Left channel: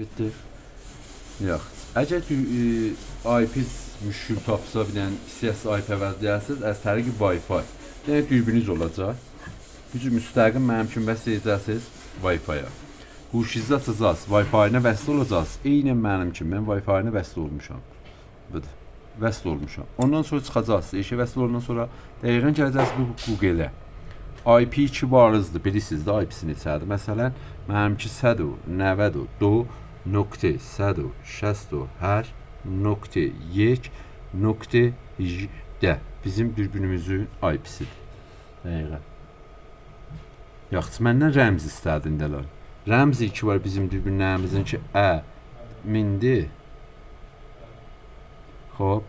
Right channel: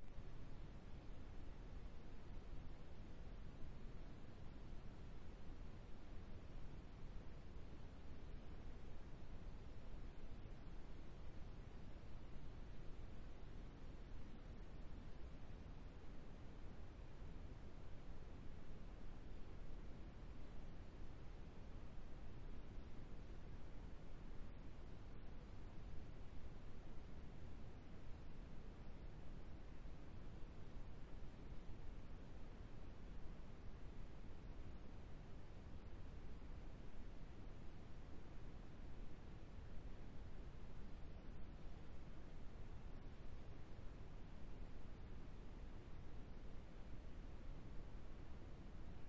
Bitti. Yox. Əgər ki, IP-s müşkül tapsa, bir dənə istəyəsiz IP əvəzləyəsiniz, az tərii Wi-Fi. Yəni dürbünüz olacaq. Gücü müstəqim mənim üçün vəsl edəcəksiniz Wi-Fi-ya. Huşinizi açacaqsınız, Wi-Fi-nə vəsl olacaqsınız. Eynən mənim kimi, mən Wi-Fi-nə vəsl olmuşam. Budur. Vəsl olmuşam. Ondan sonra çıxacaqsınız. İşə vəsl olandan sonra dəqiqən gələcəksiniz bu Google-ə. IP2 varızdır, bilirsiniz də IP-si neçədir. Məsələn, mənimki 190 do nokta 168 nokta 1 nokta d bizim dürbünümüzün IP-sidir. Dəqiqən. Yaxşı, məndən rəmz istədin dələr. Rəmz 2 var bizim dürbünlərimizin ki, mindir. Xoş.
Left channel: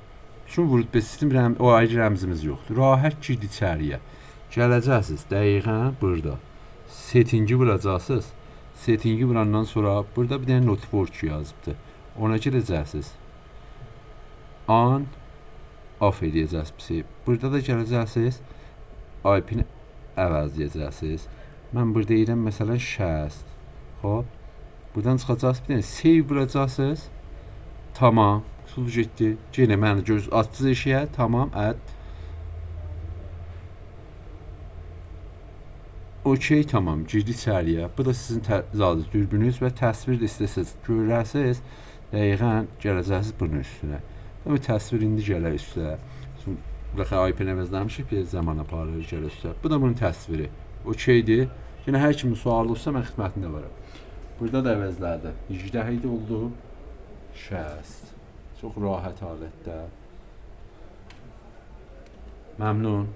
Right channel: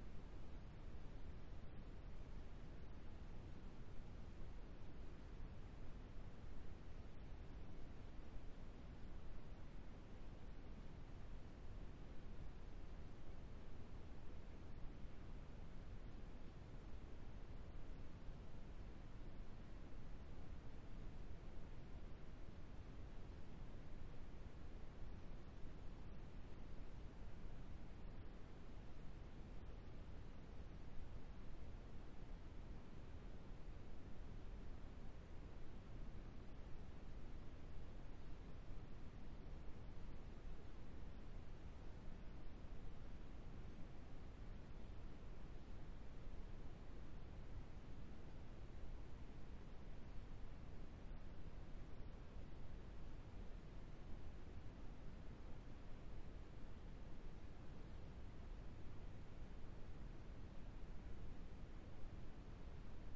Şun vurut sistem o ayrı rəmzimiz yoxdur. Rahat girdi içəriyə. Gələcəksiniz dəqiqən burada. Settingi vuracaqsınız. Settingi vurandan sonra burada bir dənə notebook yazıbdır. Ona girəcəksiniz. On off edəcəksiniz. Burada da gələcəksiniz. IP-ni əvəzləyəcəksiniz. Mən burada deyirəm məsələn 60. Xoş. Buradan çıxacaqsınız bir dənə save vuracaqsınız. Tamam. Sul getdi. Yenə məni göz açdınız eşiyə. Tamam. Okey, tamam. Girdi içəriyə. Bu da sizin dürbünüz və təsvir də istəsəz görərsiniz. Dəqiqən gələcəksiniz bunun üstünə. Bu təsvir indi gələr üstə. Baxın IP-ni əvəzləmişik, bir zaman aparır gələr üstə. Bu da bunun təsviri. Okeydir. Yenə hər kimin sualı olsa mən xidmətində varam. Burada da əvəzlərdə. 17 oldu. 60. Çox rahat halətdə. Məmnun.